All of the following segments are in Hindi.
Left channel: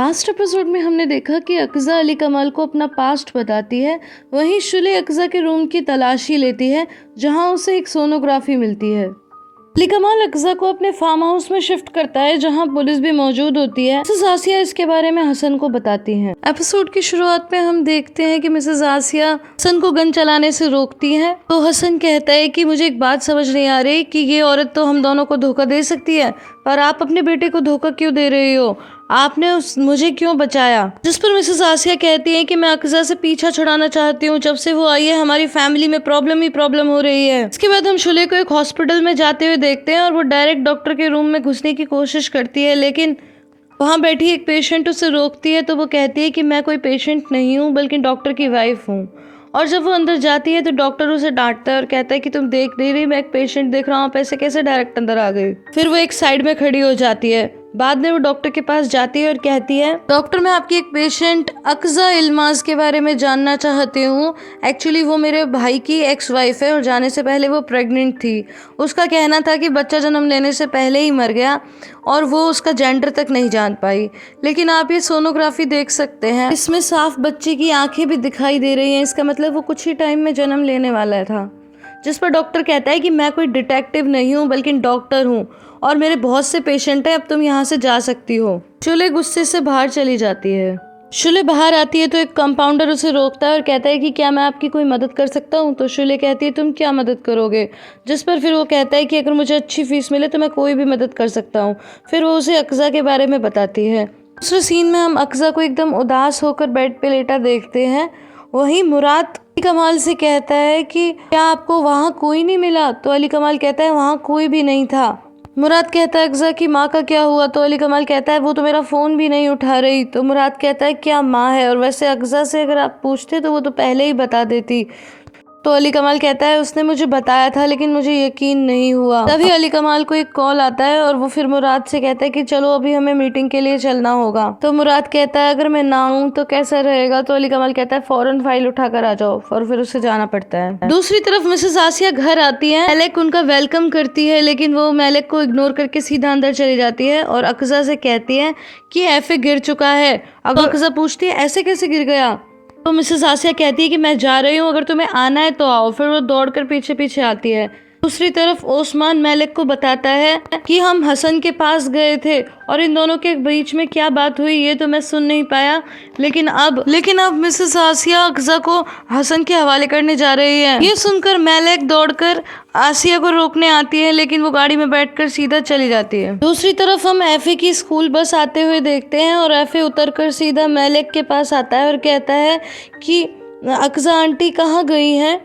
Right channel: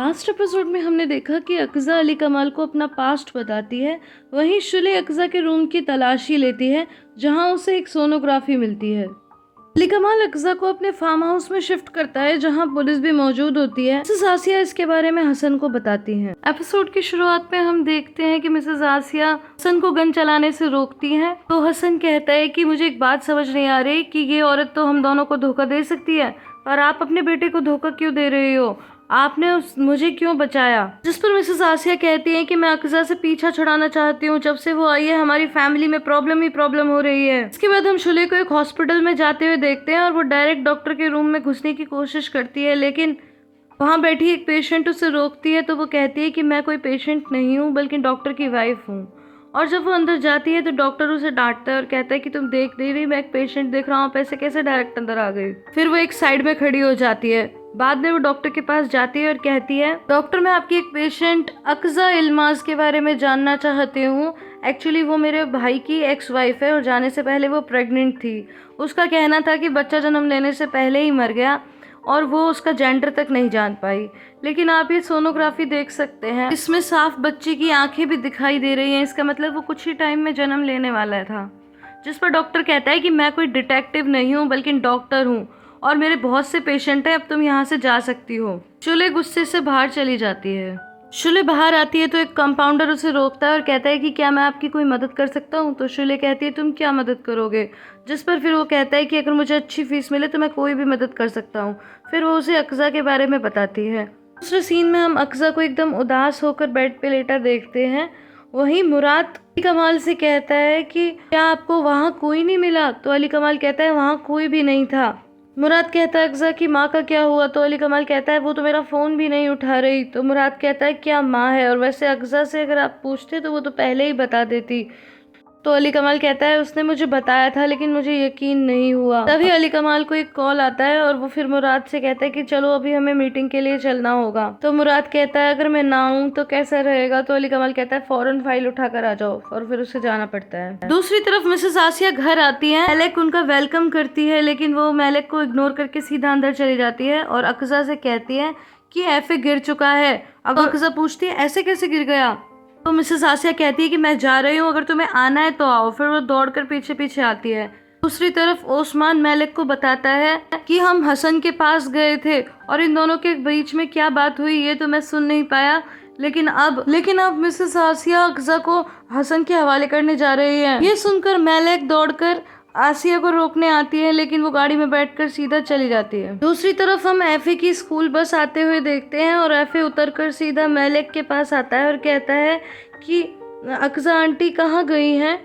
लास्ट एपिसोड में हमने देखा कि अक़ज़ा अली कमाल को अपना पास्ट बताती है, वहीं शुले अक़ज़ा के रूम की तलाशी लेती है जहां उसे एक सोनोग्राफी मिलती है। अली कमाल अक़ज़ा को अपने फार्म हाउस में शिफ्ट करता है जहां पुलिस भी मौजूद होती है। मिसेस आसिया इसके बारे में हसन को बताती हैं। एपिसोड की शुरुआत में हम देखते हैं कि मिसेस आसिया हसन को गन चलाने से रोकती है, तो हसन कहता है कि मुझे एक बात समझ नहीं आ रही कि ये औरत तो हम दोनों को धोखा दे सकती है, पर आप अपने बेटे को धोखा क्यों दे रही हो? आपने मुझे क्यों बचाया? जिस पर मिसेस आसिया कहती है कि मैं अक़ज़ा से पीछा छुड़ाना चाहती हूँ। जब से वो आई है हमारी फैमिली में प्रॉब्लम ही प्रॉब्लम हो रही है। इसके बाद हम शुले को एक हॉस्पिटल में जाते हुए देखते हैं और वो डायरेक्ट डॉक्टर के रूम में घुसने की कोशिश करती है, लेकिन वहाँ बैठी एक पेशेंट उसे रोकती है। तो वो कहती है कि मैं कोई पेशेंट नहीं हूँ बल्कि डॉक्टर की वाइफ हूँ। और जब वो अंदर जाती है तो डॉक्टर उसे डांटता है और कहता है कि तुम देख नहीं रही, मैं एक पेशेंट देख रहा हूँ, आप ऐसे कैसे डायरेक्ट अंदर आ गई? फिर वो एक साइड में खड़ी हो जाती है। बाद में वो डॉक्टर के पास जाती है और कहती है, डॉक्टर मैं आपकी एक पेशेंट अक़ज़ा इल्माज़ के बारे में जानना चाहती हूँ। एक्चुअली वो मेरे भाई की एक्स वाइफ है और जाने से पहले वो प्रेग्नेंट थी। उसका कहना था कि बच्चा जन्म लेने से पहले ही मर गया और वो उसका जेंडर तक नहीं जान पाई। लेकिन आप ये सोनोग्राफी देख सकते हैं, इसमें साफ बच्चे की आंखें भी दिखाई दे रही हैं। इसका मतलब वो कुछ ही टाइम में जन्म लेने वाला था। जिस पर डॉक्टर कहता है कि मैं कोई डिटेक्टिव नहीं हूँ बल्कि डॉक्टर हूँ और मेरे बहुत से पेशेंट हैं, अब तुम यहाँ से जा सकती हो। शुले गुस्से से बाहर चली जाती है। शुले बाहर आती है तो एक कंपाउंडर उसे रोकता है और कहता है कि क्या मैं आपकी कोई मदद कर सकता हूँ? तो शुले कहती है तुम क्या मदद करोगे? जिस पर फिर वो कहता है कि अगर मुझे अच्छी फीस मिले तो मैं कोई भी मदद कर सकता हूँ। फिर वो उसे अक़ज़ा के बारे में बताती है। दूसरे सीन में हम अक़ज़ा को एकदम उदास होकर बेड पे लेटा देखते हैं। वहीं मुराद अली कमाल से कहता है कि क्या आपको वहाँ कोई नहीं मिला? तो अली कमाल कहता है वहाँ कोई भी नहीं था। मुराद कहता है अक़ज़ा की माँ का क्या हुआ? तो अली कमाल कहता है वो तो मेरा फ़ोन भी नहीं उठा रही। तो मुराद कहता है क्या माँ है? और वैसे अक़ज़ा से अगर आप पूछते तो वो तो पहले ही बता देती। तो अली कमाल कहता है उसने मुझे बताया था लेकिन मुझे यकीन नहीं हुआ। तभी अली कमाल को एक कॉल आता है और वो फिर मुराद से कहता है कि चलो अभी हमें मीटिंग के लिए चलना होगा। तो मुराद कहता है अगर मैं ना आऊँ तो कैसा रहेगा? तो अली कमाल कहता है फौरन फाइल उठा कर आ जाओ, और फिर उसे जाना पड़ता है। दूसरी तरफ मिसेस आसिया घर आती है। मेलेक उनका वेलकम करती है लेकिन वो मेलेक को इग्नोर करके सीधा अंदर चली जाती है और अक़ज़ा से कहती है कि एफे गिर चुका है। अब अक़ज़ा पूछती है ऐसे कैसे गिर गया? तो मिसेस आसिया कहती है कि मैं जा रही हूँ, अगर तुम्हें आना है तो आओ। फिर वो दौड़कर पीछे पीछे आती है। दूसरी तरफ ओस्मान मेलेक को बताता है कि हम हसन के पास गए थे और इन दोनों के बीच में क्या बात हुई ये तो मैं सुन नहीं पाया, लेकिन अब मिसेस आसिया अक़ज़ा को हसन के हवाले करने जा रही है। ये सुनकर मेलेक दौड़कर आसिया को रोकने आती है लेकिन वो गाड़ी में बैठकर सीधा चली जाती है। दूसरी तरफ हम एफे की स्कूल बस आते हुए देखते हैं और एफे उतरकर सीधा मेलेक के पास आता है और कहता है कि अक़ज़ा आंटी कहाँ गई हैं?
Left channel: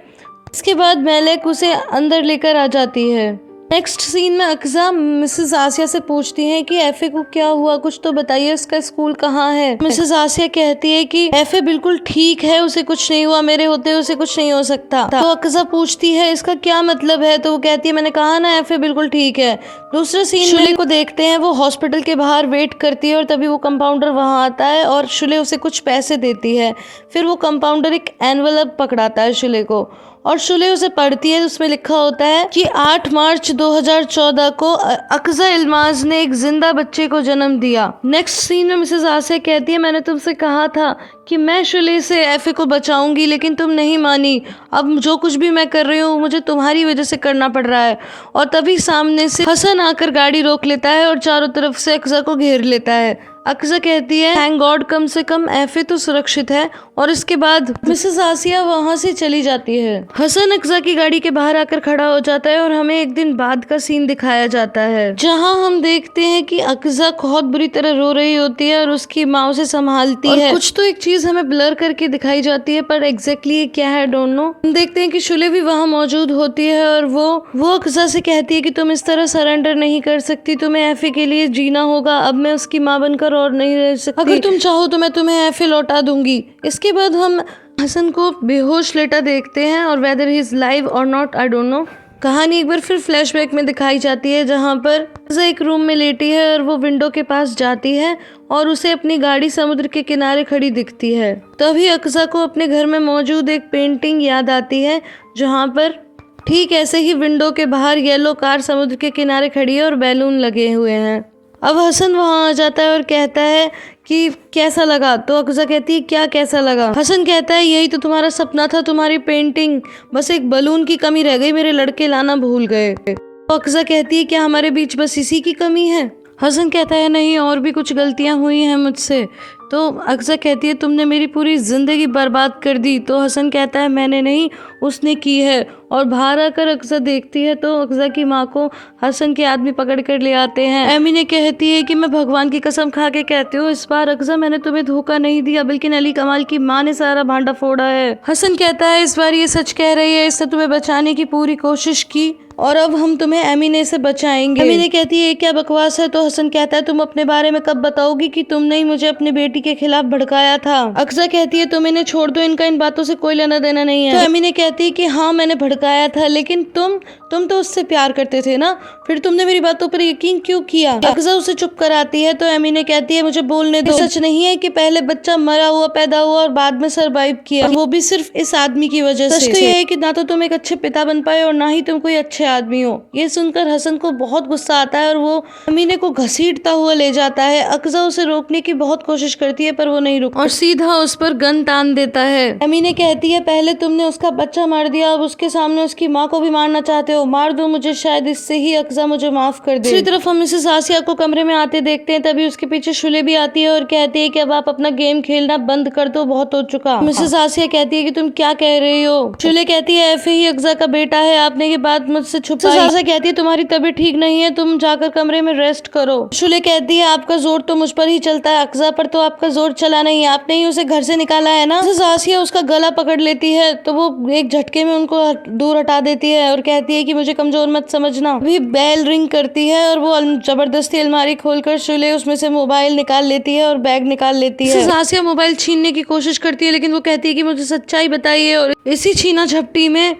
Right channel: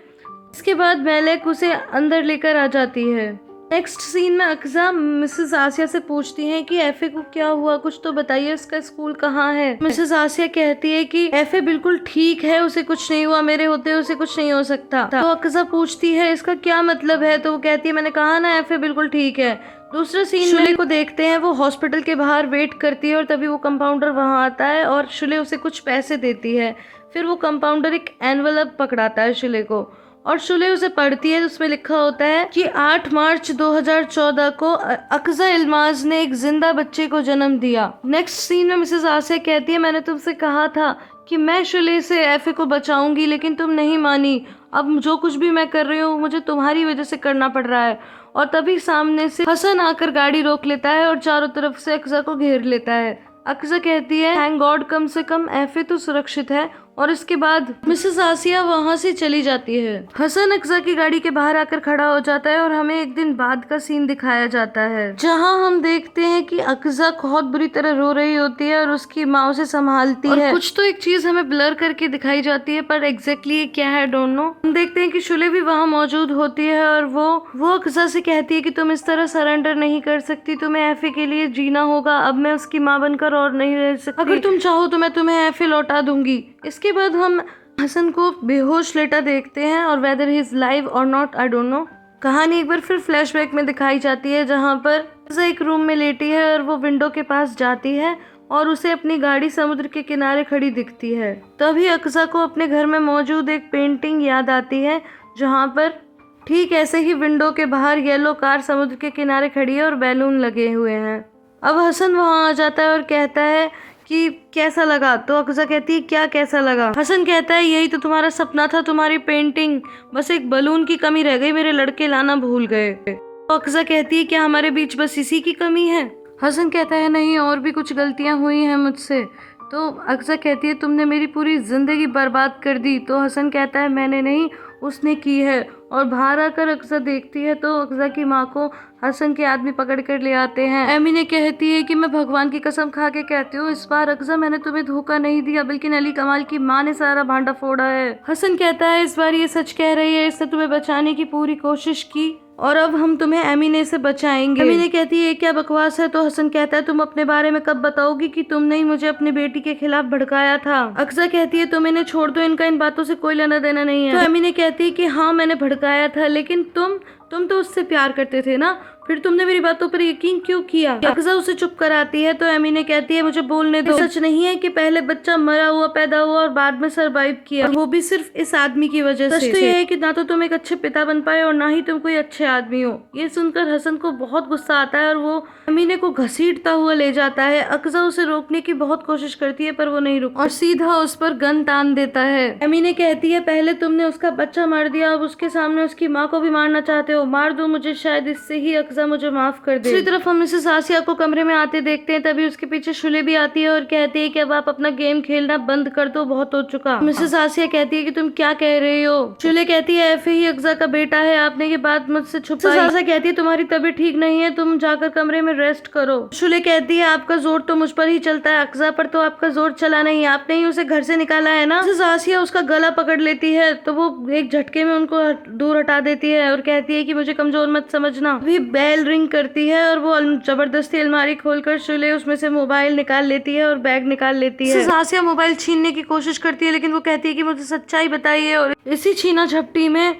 इसके बाद मेलेक उसे अंदर लेकर आ जाती है। नेक्स्ट सीन में अक़ज़ा मिसेस आसिया से पूछती है कि एफे को क्या हुआ, कुछ तो बताइए, उसका स्कूल कहाँ है? मिसेस आसिया कहती है कि एफे बिल्कुल ठीक है, उसे कुछ नहीं हुआ, मेरे होते उसे कुछ नहीं हो सकता। तो अक़ज़ा पूछती है इसका क्या मतलब है? तो वो कहती है मैंने कहा ना एफे बिल्कुल ठीक है। दूसरा सीन शुले को देखते हैं, वो हॉस्पिटल के बाहर वेट करती है और तभी वो कंपाउंडर वहाँ आता है और शुले उसे कुछ पैसे देती है। फिर वो कंपाउंडर एक एनवलप पकड़ाता है शुले को और शुले उसे पढ़ती है। उसमें लिखा होता है कि 8 मार्च 2014 को अक़ज़ा इल्माज़ ने एक जिंदा बच्चे को जन्म दिया। नेक्स्ट सीन में मिसेस आसिया कहती है मैंने तुमसे कहा था कि मैं शुले से एफे को बचाऊंगी लेकिन तुम नहीं मानी। अब जो कुछ भी मैं कर रही हूँ मुझे तुम्हारी वजह से करना पड़ रहा है। और तभी सामने से हसन आकर गाड़ी रोक लेता है और चारों तरफ से अक़ज़ा को घेर लेता है। अक़ज़ा कहती है थैंक गॉड कम से कम एफे तो सुरक्षित है। और इसके बाद मिसेस आसिया वहाँ से चली जाती है। हसन अक़ज़ा की गाड़ी के बाहर आकर खड़ा हो जाता है और हमें एक दिन बाद का सीन दिखाया जाता है जहाँ हम देखते हैं कि अक़ज़ा बहुत बुरी तरह रो रही होती है और उसकी माँ उसे संभालती है। कुछ तो एक चीज हमें ब्लर करके दिखाई जाती है पर एग्जैक्टली ये क्या है डोंट नो। हम देखते हैं कि शुले भी वहाँ मौजूद होती है और वो अक़ज़ा से कहती है कि तुम इस तरह सरेंडर नहीं कर सकती, तुम्हें एफे के लिए जीना होगा। अब मैं उसकी माँ बनकर और नहीं रह सकती, अगर तुम चाहो तो मैं तुम्हें एफे लौटा दूंगी। इसके बाद हम हसन को बेहोश लेटा देखते हैं और वेदर ही इज लाइव और नॉट आई डोंट नो। कहानी एक बार फिर फ्लैशबैक में दिखाई जाती है जहाँ पर अक़ज़ा एक रूम में लेटी है और वो विंडो के पास जाती है और उसे अपनी गाड़ी समुद्र के किनारे खड़ी दिखती है। तभी अक़ज़ा को अपने घर में मौजूद एक पेंटिंग याद आती है जहाँ पर ठीक ऐसे ही विंडो के बाहर येलो कार समुद्र के किनारे खड़ी है और बैलून लगे हुए हैं। अब हसन वहाँ आ जाता है और कहता है कि कैसा लगा। तो अक्जा कहती है क्या कैसा लगा। हसन कहता है यही तो तुम्हारा सपना था, तुम्हारी पेंटिंग, बस एक बलून की कमी रह गई, मेरे लड़के लाना भूल गए। तो अक्जा कहती है क्या हमारे बीच बस इसी की कमी है। हसन कहता है नहीं, और भी कुछ गलतियां हुई हैं मुझसे। तो अक्जा कहती है तुमने मेरी पूरी जिंदगी बर्बाद कर दी। तो हसन कहता है मैंने नहीं, उसने की है। और बाहर आकर अक्जा देखती है तो अक्जा की माँ को हसन के आदमी पकड़ कर ले आते हैं। एमिने कहती है कि मैं भगवान की कसम खा के कहती हूँ इस बार अक्जा मैंने तुम्हें धोखा नहीं दिया, बल्कि अली कमाल की माँ ने सारा भांडा फोड़ा है। हसन कहता है इस बार ये सच कह रही है, इसने तुम्हें बचाने की पूरी कोशिश की और अब हम तुम्हें एमिने से बचाएंगे। एमिने कहती है क्या बकवास है। तो हसन कहता है तुम अपने बारे में कब बताओगी कि तुमने ही मुझे अपनी बेटी के खिलाफ भड़काया था। अक्जा कहती है तुम इन्हें छोड़ दो, इनका इन बातों से कोई लेना देना नहीं है। तो एमिने कहती है कि हाँ मैंने भड़काया था, लेकिन तुम तो उससे प्यार करते थे ना, फिर तुमने मेरी बातों पर यकीन क्यों किया। अक्जा उसे चुप कराती है। तो एमिने कहती है मुझे बोलने दो, सच नहीं है कि पहले बच्चा मरा हुआ पैदा हुआ और बाद में सरवाइव किया, वो भी सिर्फ इस आदमी की वजह से। सच तो ये है कि ना तो तुम एक अच्छे पिता बन पाए और ना ही तुम कोई अच्छे आदमी हो। ये सुनकर हसन को बहुत गुस्सा आता है और वो एमिने को घसीटता हुआ ले जाता है। अक्जा उसे रोकने की बहुत कोशिश करती है पर वो नहीं रुकता और सीधा उस पर गन तान देता है। एमिने कहती है पहले तुमने उसका बच्चा मार दिया, अब उसके सामने उसकी माँ को भी मारना चाहते हो, मार दो मुझे, शायद इससे ही अक्जा मुझे माफ कर दे। दूसरी तरफ हम मिसेस आसिया को कमरे में आते देखते हैं, तभी उसके पीछे शुले भी आती है और कहती है कि अब आप अपना गेम खेलना बंद कर दो, बहुत हो चुका। मिसेस आसिया कहती है कि तुम क्या कह रही हो। शुले कहती है एफे ही अक्जा का बेटा है, आपने ये बात मुझसे छुपाई। आसिया कहती है तुम्हारी तबीयत ठीक नहीं है, तुम जाकर कमरे में रेस्ट करो। शुले कहती है आपका जोर तो मुझ पर ही चलता है, अक्जा पर तो आपका जोर चला नहीं, आपने ही उसे घर से निकाला है ना। मिसेस आसिया उसका गला पकड़ लेती है तो वो एक झटके में उनको दूर हटा देती है और कहती है कि मुझे कमजोर मत समझना। भी बेल रिंग करती है और वो जबरदस्ती अलमारी खोलकर शुले उसमें से मोबाइल निकाल लेती है और बैग निकाल लेती है। आसिया मोबाइल छीनने की कोशिश करती है लेकिन वो कहती है कि मुझे सच्चाई बताइए, और इसी छीना झपटी में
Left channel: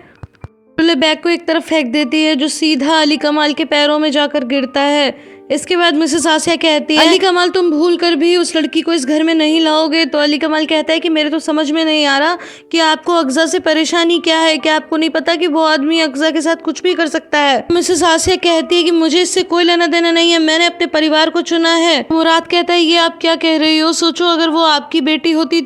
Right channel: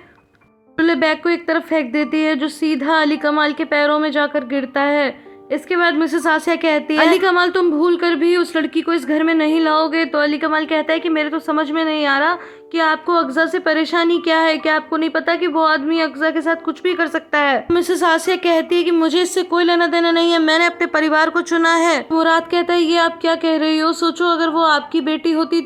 शुले बैग को एक तरफ फेंक देती है जो सीधा अली कमाल के पैरों में जाकर गिरता है। इसके बाद मिसेस आसिया कहती है अली कमाल तुम भूल कर भी उस लड़की को इस घर में नहीं लाओगे। तो अली कमाल कहता है कि मेरे तो समझ में नहीं आ रहा कि आपको अक्जा से परेशानी क्या है, क्या आपको नहीं पता कि वो आदमी अक्जा के साथ कुछ भी कर सकता है। मिसेस आसिया कहती है कि मुझे इससे कोई लेना देना नहीं है, मैंने अपने परिवार को चुना है। मुराद कहता है ये आप क्या कह रही हो, सोचो अगर वो आपकी बेटी होती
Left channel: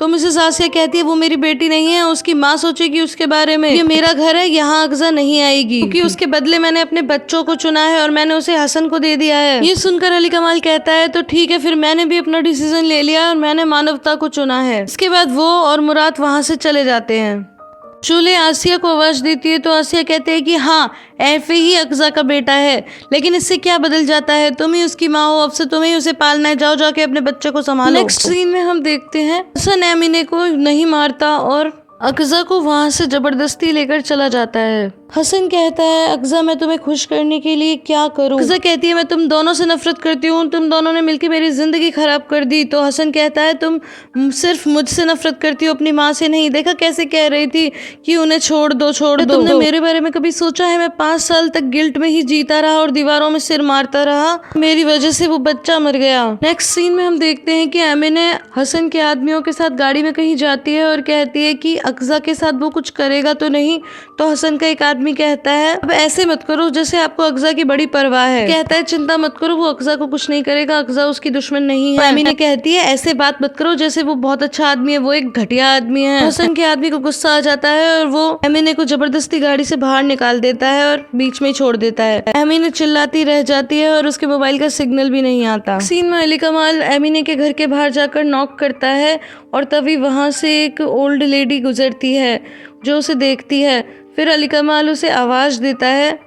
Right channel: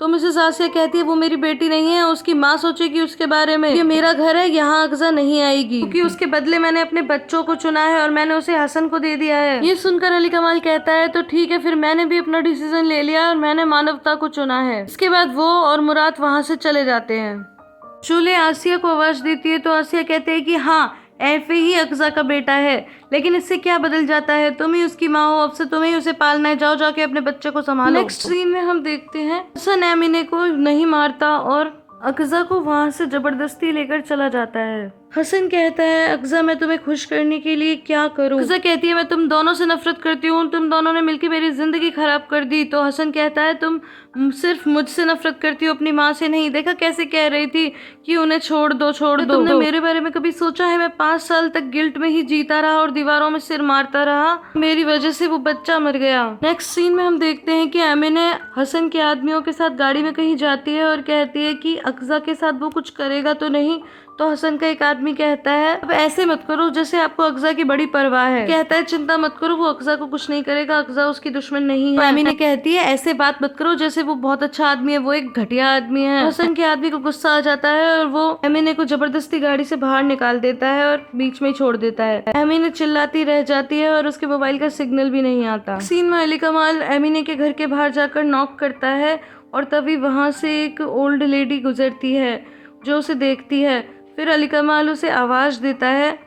तो मिसेस आसिया कहती है वो मेरी बेटी नहीं है, उसकी माँ सोचेगी उसके बारे में, ये मेरा घर है, यहाँ अक्जा नहीं आएगी, क्योंकि उसके बदले मैंने अपने बच्चों को चुना है और मैंने उसे हसन को दे दिया है। ये सुनकर अली कमाल कहता है तो ठीक है, फिर मैंने भी अपना डिसीजन ले लिया और मैंने मानवता को चुना है। इसके बाद वो और मुराद वहाँ से चले जाते हैं। शुले आसिया को आवाज देती है तो आसिया कहते हैं कि हाँ एफे ही अक्जा का बेटा है, लेकिन इससे क्या बदल जाता है, तुम ही उसकी माँ हो, अब से तुम्हें ही उसे पालना है, जाओ जाके अपने बच्चे को संभालो। नेक्स्ट सीन में हम देखते हैं हसन एमिने को नहीं मारता और अक्जा को वहाँ से जबरदस्ती लेकर चला जाता है। हसन कहता है अक्जा मैं तुम्हें खुश करने के लिए क्या करूं। अक्जा कहती है मैं तुम दोनों से नफरत करती हूँ, तुम दोनों ने मिलकर मेरी जिंदगी खराब कर दी। तो हसन कहता है तुम सिर्फ मुझसे नफरत करती हो, अपनी माँ से नहीं। देखा कैसे कह रही थी कि उन्हें छोड़ दो छोड़ दो। तुमने मेरे बारे में कभी सोचा है मैं 5 साल तक गिल्ट में ही जीता रहा और दीवारों में सिर मारता रहा, मेरी वजह से वो बच्चा मर गया। नेक्स्ट सीन में हम देखते हैं कि एमिने हसन के आदमियों के साथ गाड़ी में कहीं जाती है और कहती है कि अक्जा के साथ वो कुछ करेगा तो नहीं। तो हसन का एक आदमी कहता है अब ऐसे मत करो जैसे आपको अक्जा की बड़ी परवाह है। कहता है चिंता मत करो, वो अक्जा को कुछ नहीं करेगा, अक्जा उसकी दुश्मन नहीं है। एमिने कहती है ऐसे बात मत करो जैसे वो बहुत अच्छा आदमी है, वो एक घटिया आदमी है। हसन के आदमी को गुस्सा आ जाता है और वो एमिने को जबरदस्ती गाड़ी से बाहर निकाल देता है और बीच में ही छोड़ देता है। एमिने चिल्लाती रह जाती है और उसके मोबाइल का सिग्नल भी नहीं आता। सीन में अली कमाल एमिने के घर के बाहर जाकर नॉक करता है और तभी वहां से एक ओल्ड लेडी गुजरती है जो उसे देखती है। फिर अली कमाल उसे आवाज़ देता है,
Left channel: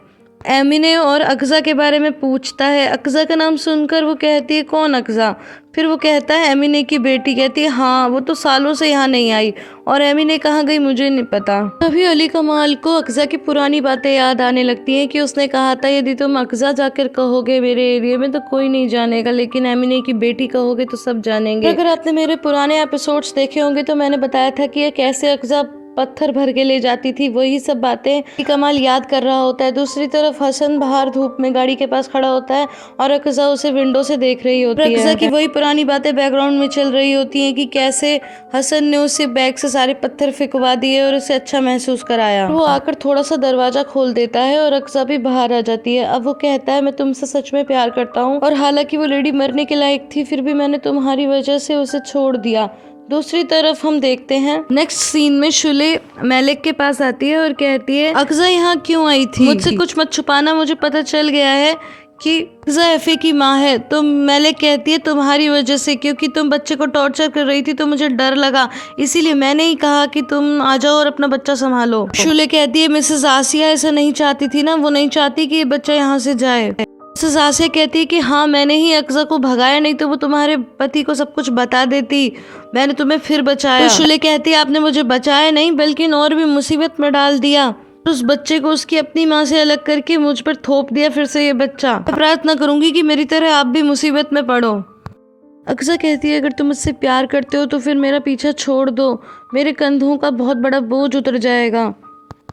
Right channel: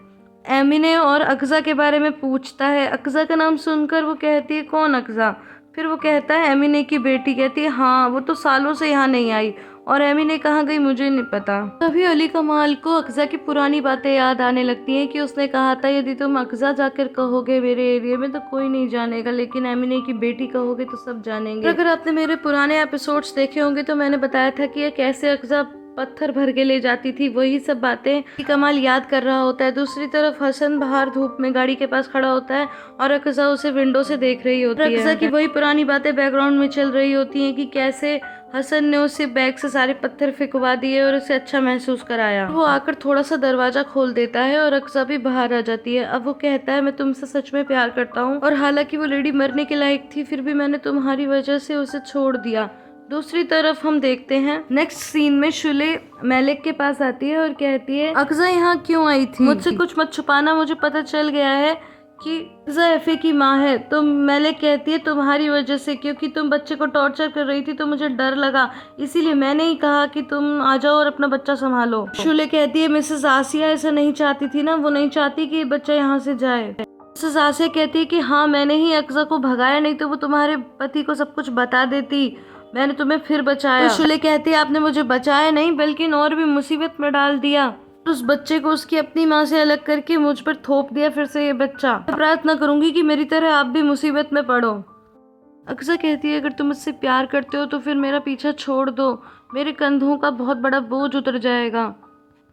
एमिने और अक्जा के बारे में पूछता है। अक्जा का नाम सुनकर वो कहती है कौन अक्जा। फिर वो कहता है एमिने की बेटी। कहती है हाँ वो तो सालों से यहाँ नहीं आई और एमिने कहाँ गई मुझे नहीं पता। तभी अली कमाल को अक्जा की पुरानी बातें याद आने लगती हैं कि उसने कहा था यदि तुम अक्जा जाकर कहोगे मेरे एरिया में तो कोई नहीं जानेगा, लेकिन एमिने की बेटी कहोगे तो सब जानेंगे। अगर आपने मेरे पुराने एपिसोड्स देखे होंगे तो मैंने बताया था कि कैसे अक्जा पत्थर भर के ले जाती थी, वही सब बातें कमाल याद कर रहा होता है। दूसरी तरफ हसन बाहर धूप में गाड़ी के पास खड़ा होता है और अक्सा उसे विंडो से देख रही होती है। अक्सा की वही पुरानी बातें बैकग्राउंड में चल रही होती हैं कि कैसे हसन ने उसे बैग से सारे पत्थर फेंकवा दिए और उसे अच्छा महसूस कराया। वो आकर थोड़ा सा दरवाजा खोल देता है और अक्सा भी बाहर आ जाती है। अब वो कहता है, मैं तुमसे सच में प्यार करता हूँ और हालांकि वो लेडी मरने के लायक थी, फिर भी मैंने तुम्हारी वजह से उसे छोड़ दिया। दूसरी तरफ हम देखते हैं नेक्स्ट सीन में शुले मेलेक के पास आती है और कहती है, अक्सा यहाँ क्यों आई थी? मुझसे कुछ मत छुपाना, मुझे पता चल गया है कि अक्सा एफे की माँ है। तो मेलेक कहती है, तुम्हारी वजह से, क्योंकि तुम बच्चे को टॉर्चर कर रही थी तो मुझे डर लगा, इसीलिए मैंने ही कहा कि तुम आ जाओ और अपना बच्चा संभालो। शुले कहती है, मिसेस आसिया ऐसा नहीं चाहती थी ना, वो नहीं चाहती कि ये बच्चा यहाँ से जाए। मिसेस आसिया कहती है कि हाँ, मैंने ही अक्सा को भगाया, नहीं तो वो तुम्हारे पति को सब कुछ बता देती, मैंने तुम्हें फिर बचाया। तो शुले कहती है, आपने मुझे बचाया नहीं बल्कि और भी मुसीबत में डाल दिया। उस बच्चे को उसकी अपनी माँ से अलग करके मुझ पर थोप दिया फिर से ये बच्चा। मैं प्रार्थना करूंगी कि मेरी तरह आप भी मुसीबत में पड़ो। अक्सा कहती है, अगर तुम मुझसे प्यार करते हो तो फिर मेरा पीछा छोड़ दो, मेरे कंधों का बहुत बड़ा बोझ उतर जाएगा।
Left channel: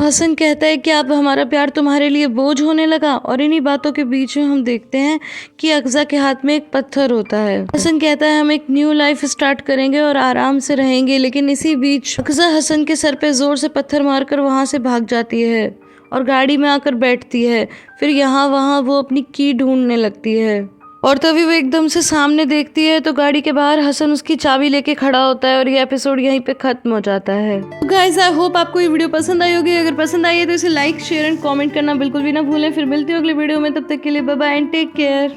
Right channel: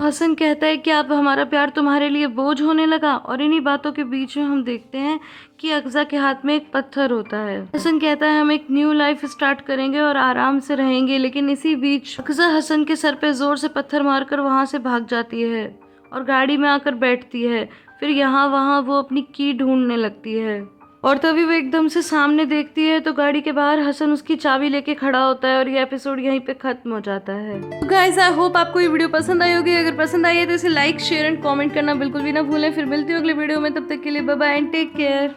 हसन कहता है कि अब हमारा प्यार तुम्हारे लिए बोझ होने लगा। और इन्हीं बातों के बीच में हम देखते हैं कि अक्सा के हाथ में एक पत्थर होता है। हसन कहता है, हम एक न्यू लाइफ स्टार्ट करेंगे और आराम से रहेंगे, लेकिन इसी बीच अक्सा हसन के सर पे जोर से पत्थर मारकर वहां से भाग जाती है और गाड़ी में आकर बैठती है। फिर यहाँ वहाँ वो अपनी की ढूंढने लगती है और तभी वो एकदम से सामने देखती है तो गाड़ी के बाहर हसन उसकी चाबी लेके खड़ा होता है और ये एपिसोड यहीं पे खत्म हो जाता है। तो गाइस, आई होप आपको ये वीडियो पसंद आई होगी। अगर पसंद आई है तो इसे लाइक, शेयर एंड कमेंट करना बिल्कुल भी ना भूलें। फिर मिलती हूँ अगली वीडियो में, तब तक के लिए bye bye and take care.